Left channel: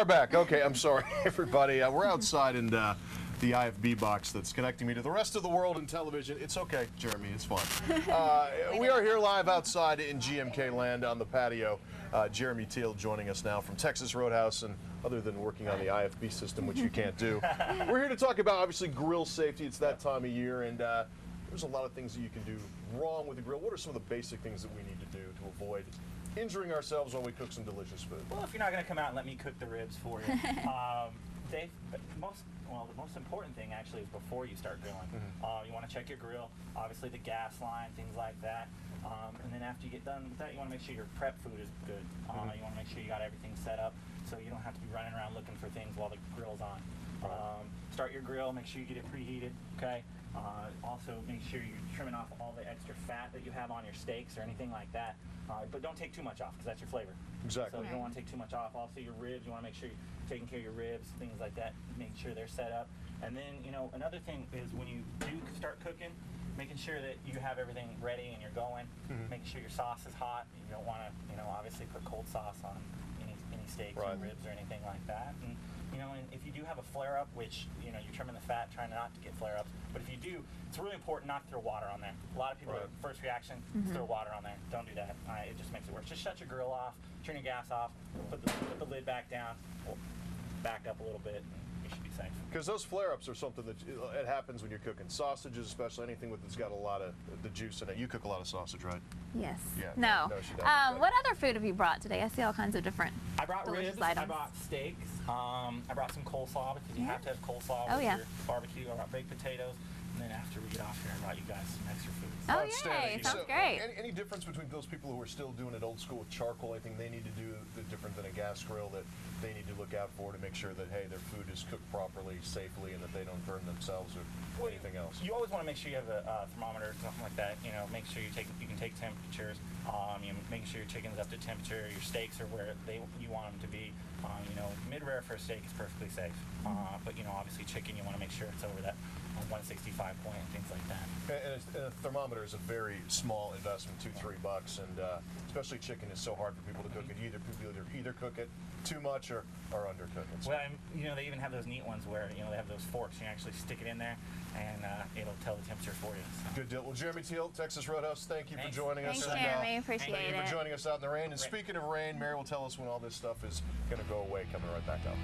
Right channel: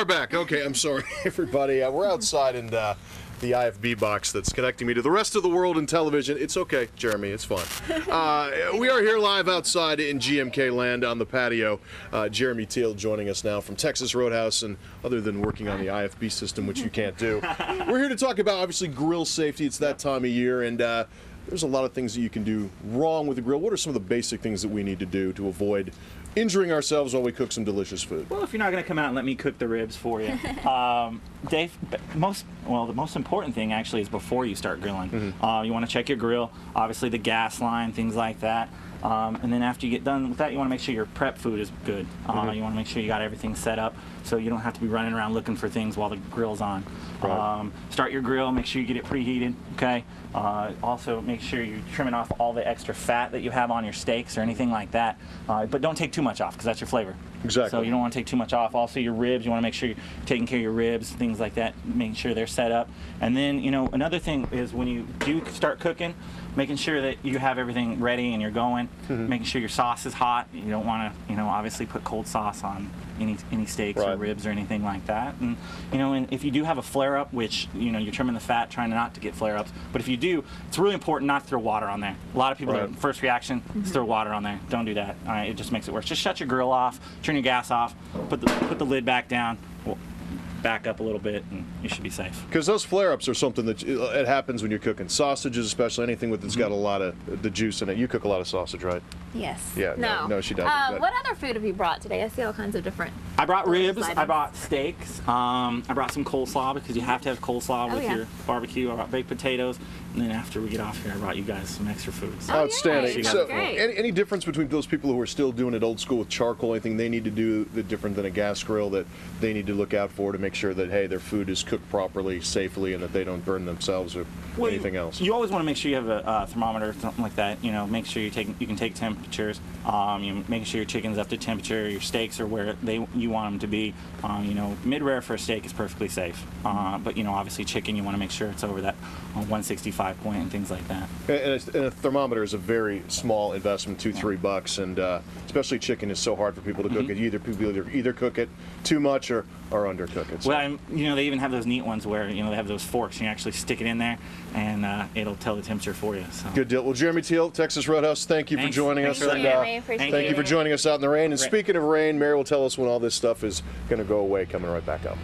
are back. Okay, I'm sorry, everybody. We're outside in the IFB box that's connecting me to the rest of the world in television. It's okay, Jeremy. It's fun. We are here live outside in GMK land on the patio. Jeremy Teel joining us now from Texas Roadhouse, and other than working on the IFB system, which you can't do, we're here to talk about, obviously, grill safety. It's that time of year, and there's a lot of things that you can do wrong with the grill. What are some of the basic things that we need to do to avoid injuring ourselves while we cook some delicious food? Well, if you're not going to come out and let me cook the ribs for you, Dave, the most important thing actually is before you start grilling. You want to check your grill, obviously the gas line, things like that. And then after you get done with that, you want to make sure your prep food is good. You want to make sure you got everything set up so you don't have to be running around looking for things while the grill's on. Right. Start your grill, make sure you get it preheated, okay? Also, make sure you're trimming off all the extra fat that you have on your steaks or anything like that. But don't take too much off because that's your flavor. Exactly. So you don't want to take too much off. Also, your ribs, you want to make sure you're taking care of your ribs, things like that, making sure they're set up. And then, you know, another thing is when you do start cooking, making sure that you have everything ready and you're going, making sure your sauce is hot. You don't want to, you know, obviously put cold sauce on any steaks or ribs or anything like that. And, you know, and if you do have a flare-up, which, you know, you're trimming the fat, trying not to get flare-ups, but if you do, it's really important not to throw water on there. A lot of people, first reaction is throw water on there. Don't do that. All right, it just makes it worse. Just shut your grill off, turn your gas off, put the lid back down. Back up a little bit and you should be safe. Because those flare-ups are something that it happens when you're cooking sausages, especially anything that's got a lot of the juice in it. You cook a lot of sausage, right? Yes. Yeah. No, she doesn't. What other food have you brought today? I see all kinds of different. I brought ribs. I brought steaks. I brought some coleslaw because you have to have coleslaw with your barbecue. I brought baked potatoes. And then after we get off here, I brought you guys some extra food. So. Outstanding. So, great. Any difference between those people who are still doing it old school with charcoal? Anything they need to do that different than a gas grill that they need to look out for to make sure that, hey, their food is cooked properly, safely, and that they don't burn themselves or anything else? You always want to make sure you have a thermometer, something like that. You know, make sure you can take temperatures. You making sure your chicken's up to temperature, your steaks are where you want them to be. You know, mid-rare for a steak is perfectly safe. But you know, obviously chicken, you want to make sure it's over that 165 point and things like that. And a thermometer is a very small investment, $2-3, and especially chicken is so hard for people to cook it. People either cook it too much or undercook it. So. Well, you know, they even have those neat ones where, you know, they have those forks and you actually stick it in there and it'll tell the temperature for you. So. Good deal. Well, Jeremy Teel, Texas Roadhouse, thank you for joining us. Thank you, Jeremy. Appreciate Thank you for joining us out in the rain. And speaking of rain, Mary will tell us when all this stuff is going to go away, coming right back up.